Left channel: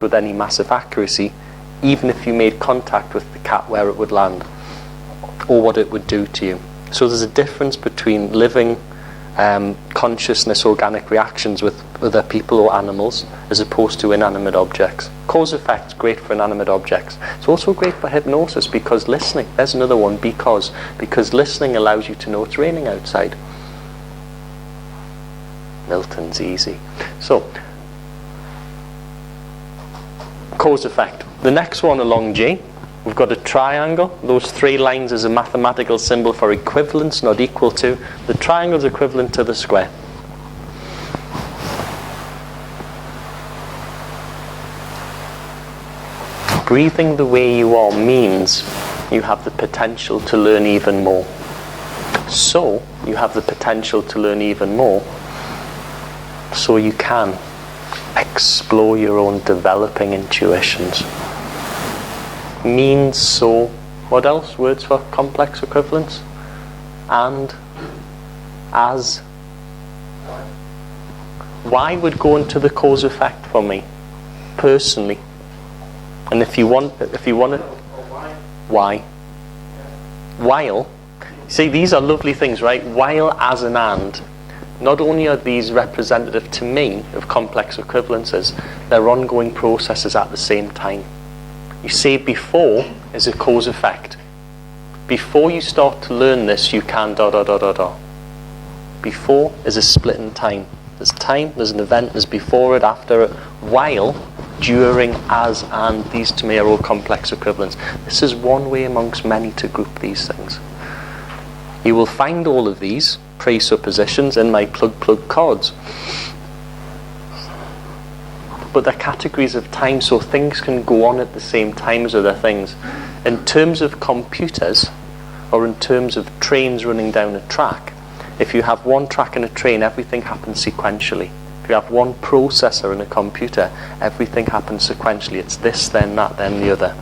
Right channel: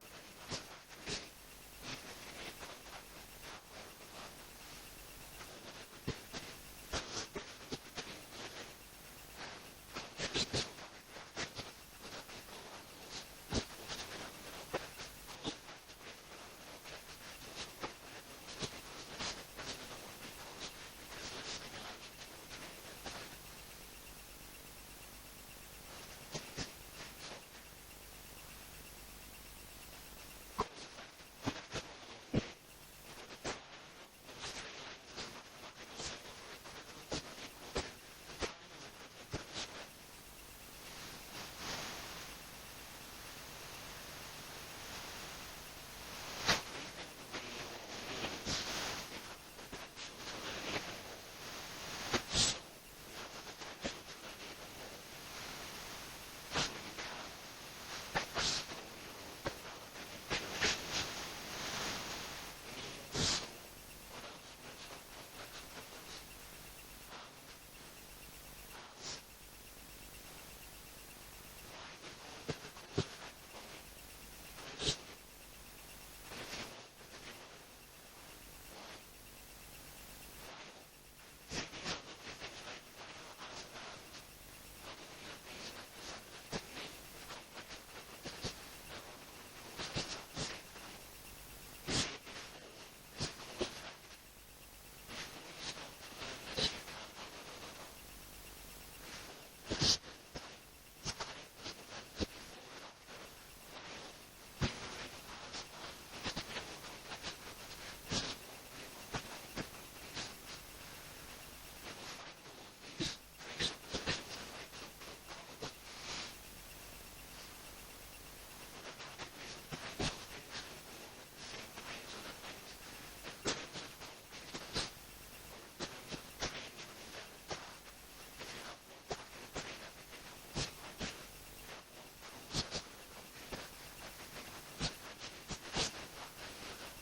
with any massive accuracy, even if you made contact with the cat where it would land or what it would do to you. So there's a difference between living consciousness organic reactions with other people or animals as opposed to inanimate objects. Cause effect, great for inanimate objects. It's also great for hypnosis because listening, there's another one, because listening allows you to know it's raining outside. Milton's easy. So cause effect. The next one along G, we've got a triangle. Those three lines is a mathematical symbol for equivalence, not equal to. The triangle is equivalent to the square. Breathing the way you are means you have the potential to learn even more. So you have the potential to learn even more, so you can explore your own developing intuitions. Means so, what else? Words for complex equivalence? And, as. Why would go into the cause effect for me, personally? And if you want it, why? While, see, these are lovely things, right? While, as, and. Not only are these representative to me of complex equivalences, they're ongoing processes at the same time. You say before is a cause effect. Before you start to learn this, you can ... Before is a split in time. There's time, there's an event, there's before it, after it. While, during, as, and, these to me are all complex equivalents. This is one way amongst many to group these things. You will find all of these presuppositions in my plug cards. But they're categories of time, so things can go on at the same time as other things. In terms of computers, or in terms of trains running down a track, if you have one track in a train, everything happens sequentially. If you have one processor in a computer, everything happens sequentially. It's this, then that, then the other.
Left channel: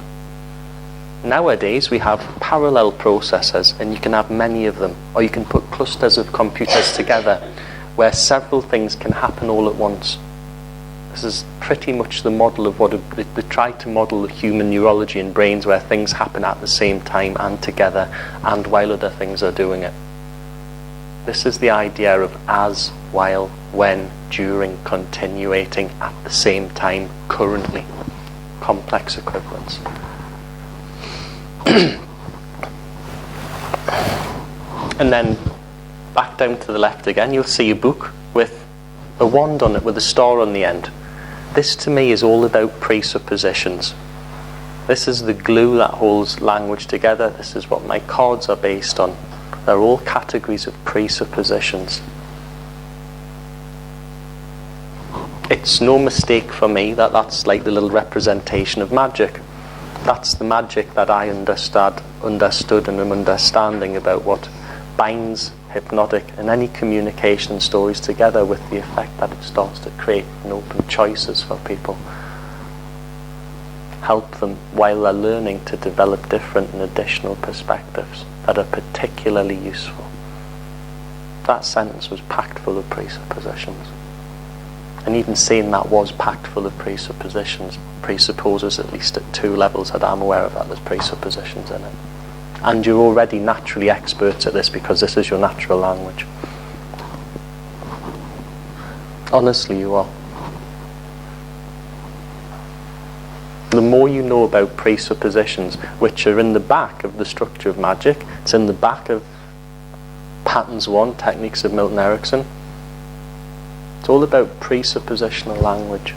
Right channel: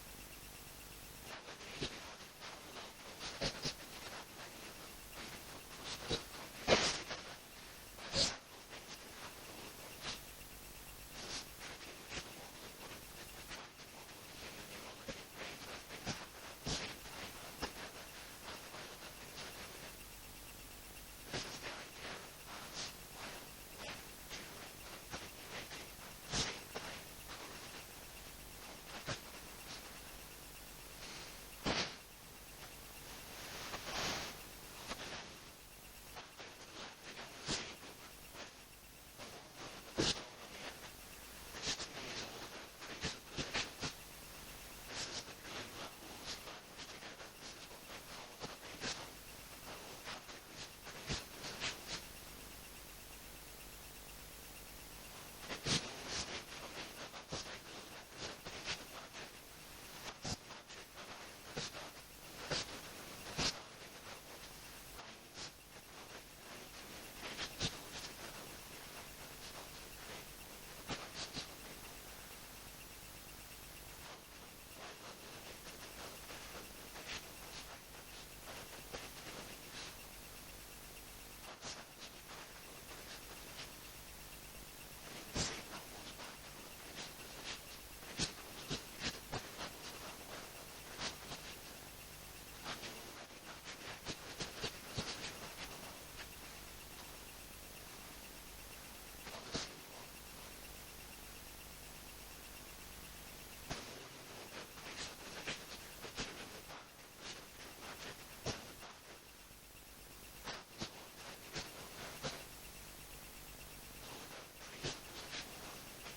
Nowadays we have parallel processors, and you can have many of them, or you can put clusters of computers together where several things can happen all at once. This is pretty much the model of what they try to model the human neurology in brains, where things happen at the same time and together and while other things are doing it. This is the idea of as, while, when, during, continuating, at the same time, currently. Complex equivalence. And then back down to the left again, you'll see a book with a wand on it with a star on the end. This to me is all about presuppositions. This is the glue that holds language together. This is what my cards are based on. They're all categories of presuppositions. It's no mistake for me that that's like the little representation of magic. That's the magic that I understood and am understanding about what binds hypnotic and any communication stories together, with the effect that it starts to create and open choices for people. Help them while they're learning to develop different and additional perspectives that are particularly useful. That sentence was packed full of presuppositions. And even saying that was packed full of presuppositions presupposes, at least at 2 levels that I'm aware of, that there's presuppositions in it. And you're already naturally experts at this because this is your natural language. Honestly, you are. The more you know about presuppositions, which are in the back of the structure of magic, it's in the back of Patterns 1, Techniques of Milton Erickson. It's all about presuppositional language.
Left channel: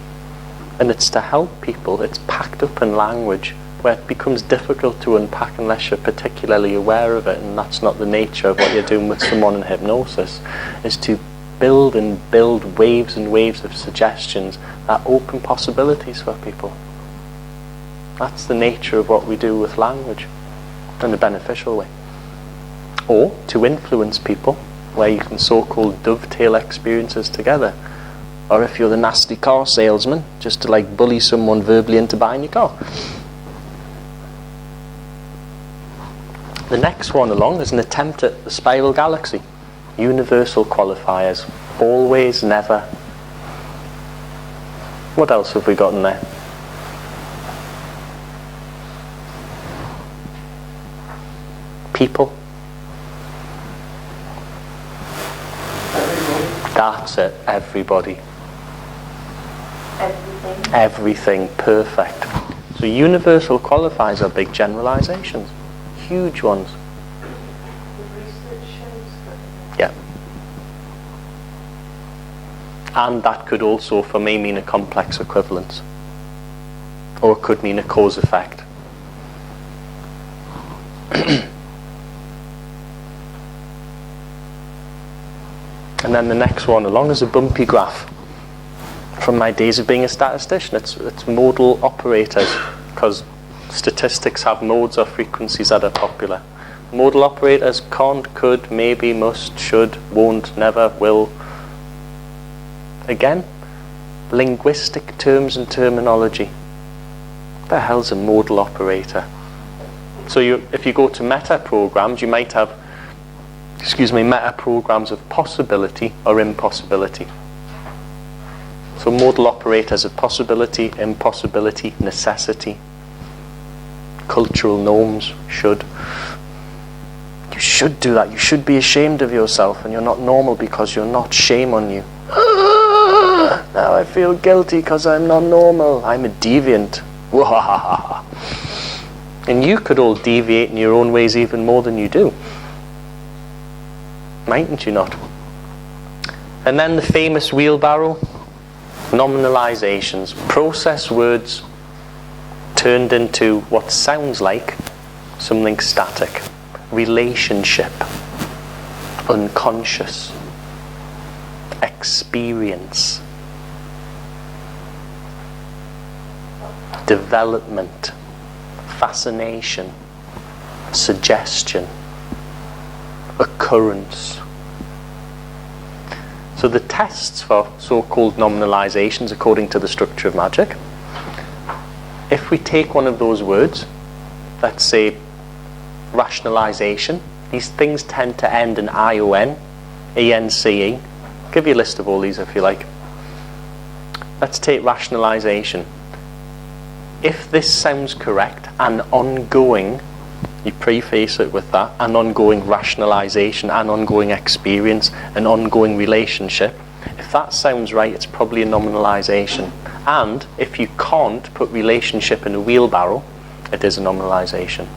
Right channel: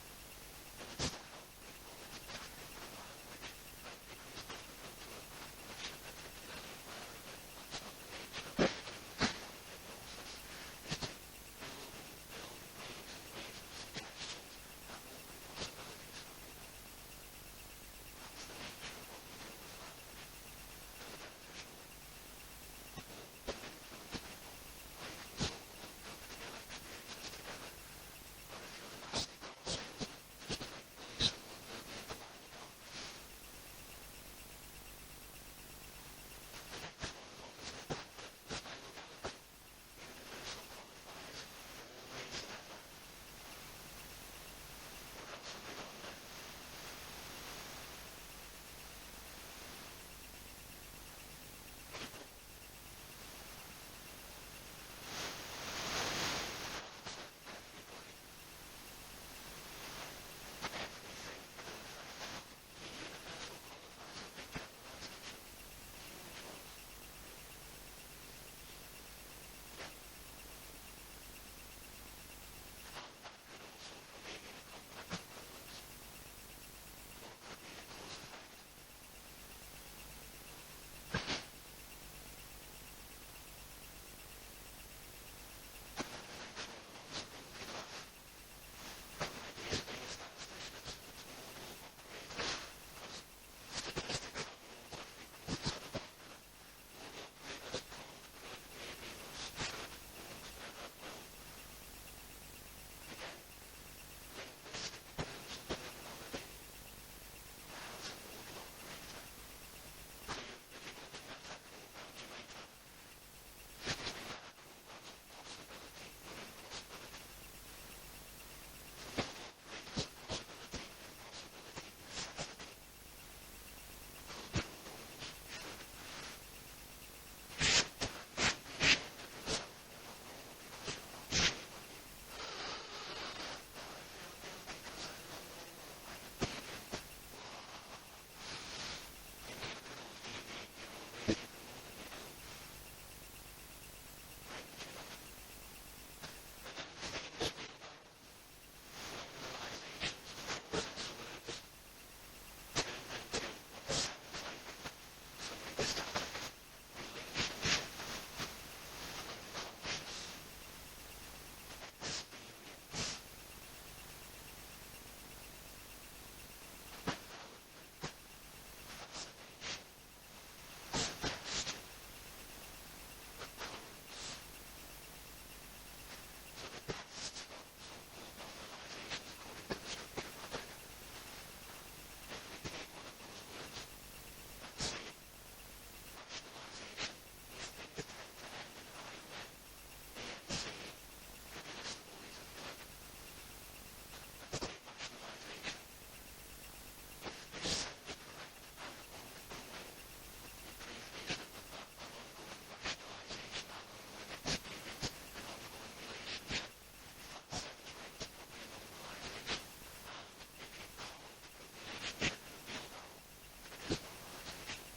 And it's to help people. It's packed up in language where it becomes difficult to unpack unless you're particularly aware of it, and that's not the nature of what you're doing with someone in hypnosis, is to build and build waves and waves of suggestions that open possibilities for people. That's the nature of what we do with language in a beneficial way. Or to influence people, where you can so-called dovetail experiences together. Or if you're the nasty car salesman, just to like bully someone verbally into buying your car. The next one along is an attempt at the spiral galaxy. Universal qualifiers. Always, never. What else have we got in there? People. That's it, everybody. Everything. Everything, perfect. So universal qualifiers are big generalizations, huge ones. The research shows that. Yeah. And that could also, for me, mean a complex equivalence. Or it could mean a cause effect. And then the next one along is a bumpy graph. From my days of being a statistician, it's modal operators, because statistics have modes or frequencies that are popular. Modal operators: can't, could, maybe, must, should, won't, never, will. Again, linguistic terms and terminology. What the hell's a modal operator? So if you go to meta programs, you might have, meta programs of possibility or impossibility. So modal operators of possibility, impossibility, necessity, cultural norms, should. You should do that. You should be ashamed of yourself, and you're not normal because you're not. Shame on you. Now I feel guilty because I'm not normal. I'm a deviant. And you could all deviate in your own ways even more than you do. Mightn't you not? And then the famous wheelbarrow. Nominalizations. Process words turned into what sounds like something static. Relationship. Unconscious. Experience. Development. Fascination. Suggestion. Occurrence. So the tests for so-called nominalizations, according to the structure of magic, if we take one of those words, let's say rationalization, these things tend to end in I-O-N, E-N-C-E. I'll give you a list of all these if you like. Let's take rationalization. If this sounds correct, an ongoing, you preface it with that, an ongoing rationalization, an ongoing experience, an ongoing relationship. If that sounds right, it's probably a nominalization. And if you can't put relationship in a wheelbarrow, it is a nominalization.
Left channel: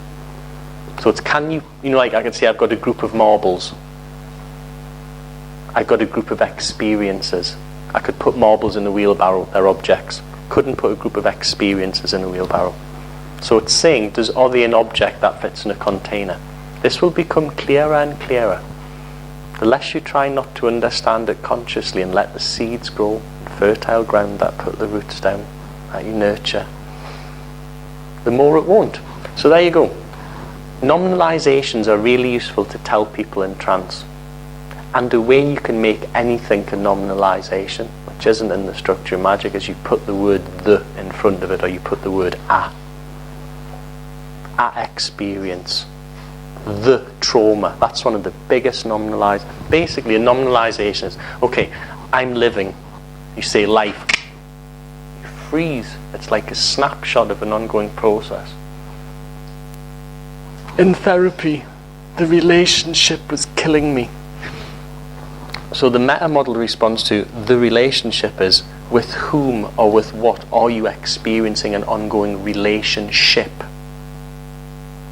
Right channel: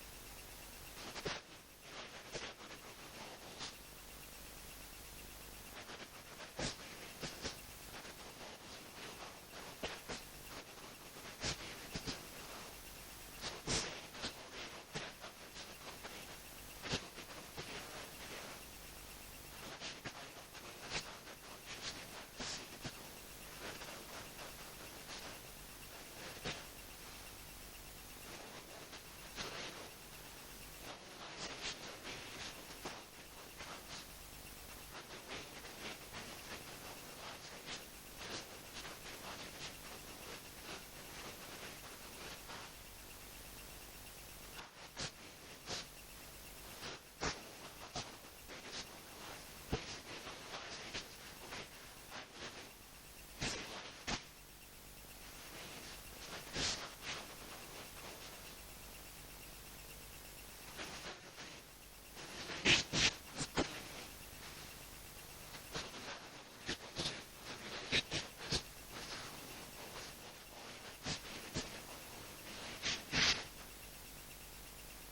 So it's, like I can say I've got a group of marbles. I've got a group of experiences. I could put marbles in a wheelbarrow, they're objects. Couldn't put a group of experiences in a wheelbarrow. So it's saying, are they an object that fits in a container? This will become clearer and clearer. The less you try not to understand it consciously and let the seeds grow in fertile ground that put the roots down, that you nurture, the more it won't. So there you go. Nominalizations are really useful to tell people in trance. And the way you can make anything a nominalization, which isn't in the structure of magic, is you put the word the in front of it, or you put the word a experience. The trauma. That's one of the biggest nominalizations. Basically, a nominalization is, okay, I'm living. You say life. You freeze. It's like a snapshot of an ongoing process. In therapy, the relationship was killing me. So the meta model response to the relationship is, with whom or with what are you experiencing an ongoing relationship?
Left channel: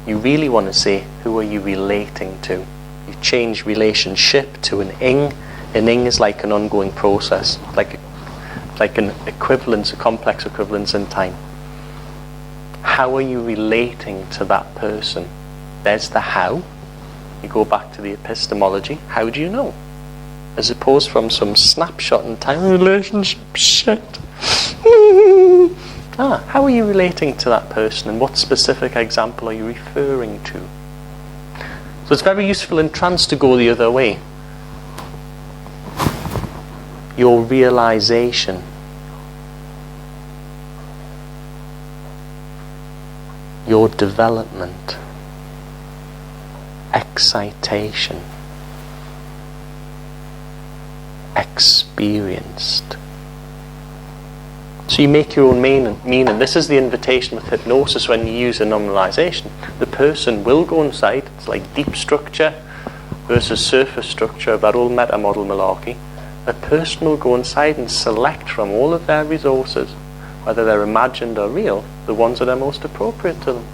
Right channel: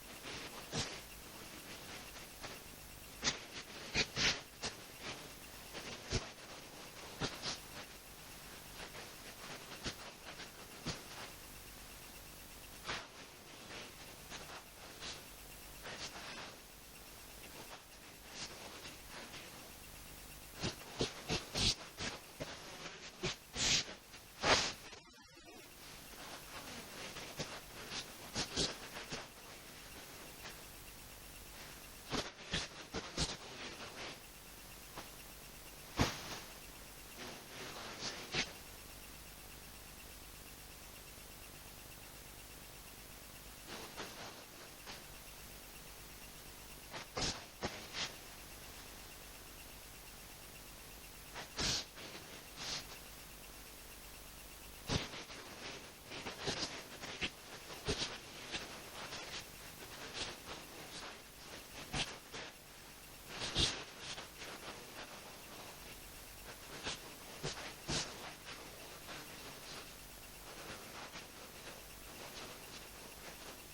You really want to say, who are you relating to? You change relationship to an ing. An ing is like an ongoing process, like an equivalence, a complex equivalence in time. How are you relating to that person? There's the how. You go back to the epistemology. How do you know? As opposed from some snapshot in time, relationship shit. How are you relating to that person, and what specific example are you referring to? So it's very useful in trance to go the other way. Your realization. Your development. Excitation. Experienced. So you make your own meaning. This is the invitation with hypnosis when you use a nominalization. The person will go inside. It's like deep structure versus surface structure of that old meta model malarkey. The person will go inside and select from all of their resources, whether they're imagined or real, the ones that are most appropriate to them.